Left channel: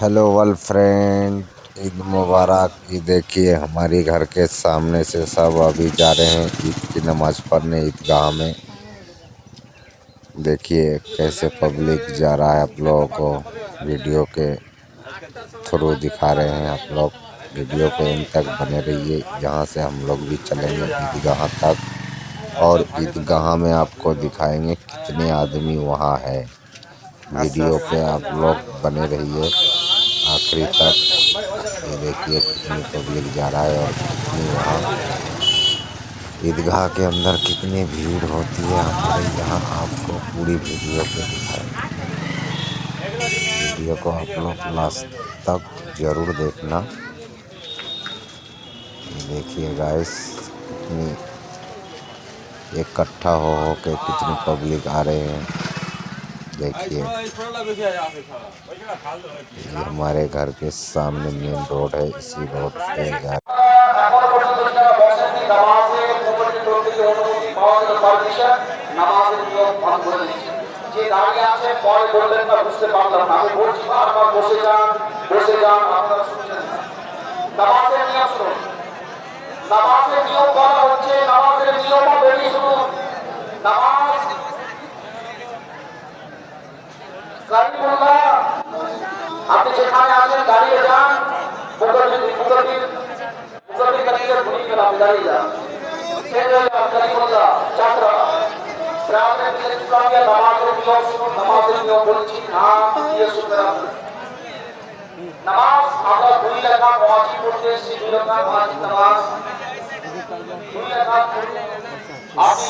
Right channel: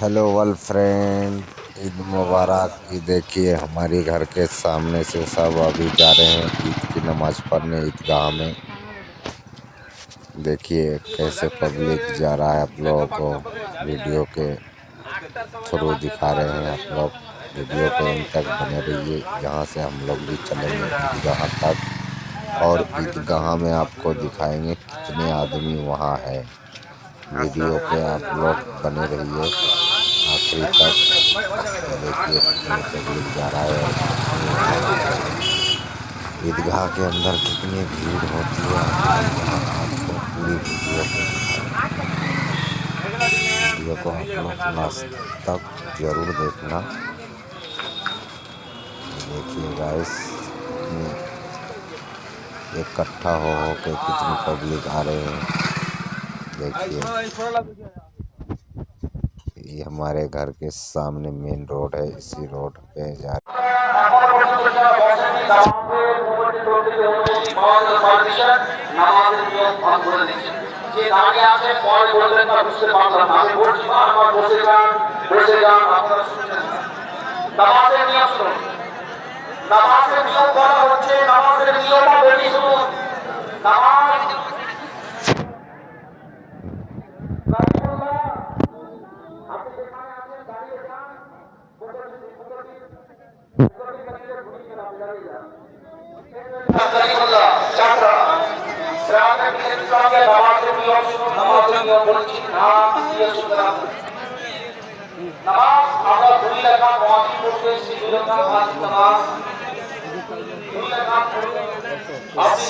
Hello world friend, Eid मुबारक। ये देखिए हमारी घर के सामने से सब अभी जा रहे हैं ईद की नमाज़ पढ़ने ईदगाह में। देखिए कैसे पब्लिक जा रहा है। आप लोगों को वीडियो के थ्रू दिखा रहे हैं। आप लोग वीडियो के एंड तक बने रहिए। यहाँ से हम लोग भी चलेंगे ईदगाह तक और ईदगाह में आपको दिखाएंगे कितने आदमी वहाँ है। वीडियो पे आप लोग बने रहिए आखिरी तक। ये देखिए कितनी पब्लिक जा रहा है और कितनी ईदगाह के अंदर कितनी भीड़ होती है। हम अभी यहाँ आपको पूरी वीडियो पे दिखाएंगे। वीडियो को आप लोग लास्ट तक जरूर देखना। ये देखिए गाइस कितनी इकट्ठा हो के कितनी पब्लिक आ रहे हैं। देखिए ये हमारे घर के सामने मेन रोड है। इसी रोड पे जा নামাজের নিয়ম করা হচ্ছে, নামাজের নিয়মাবলী শুনুন। নামাজ আপনি যেখানে আছেন দাঁড়িয়ে যান। আপনি দাঁড়িয়ে যান। নামাজের নিয়ম শুনুন, নামাজের নিয়ম বলছি না দিয়ে শুনবেন আপনি। নামাজ আমরা 2 রাকাত ওয়াজিব করতে, 2 রাকাত ওয়াজিব নামাজ 2 রাকাত আপনি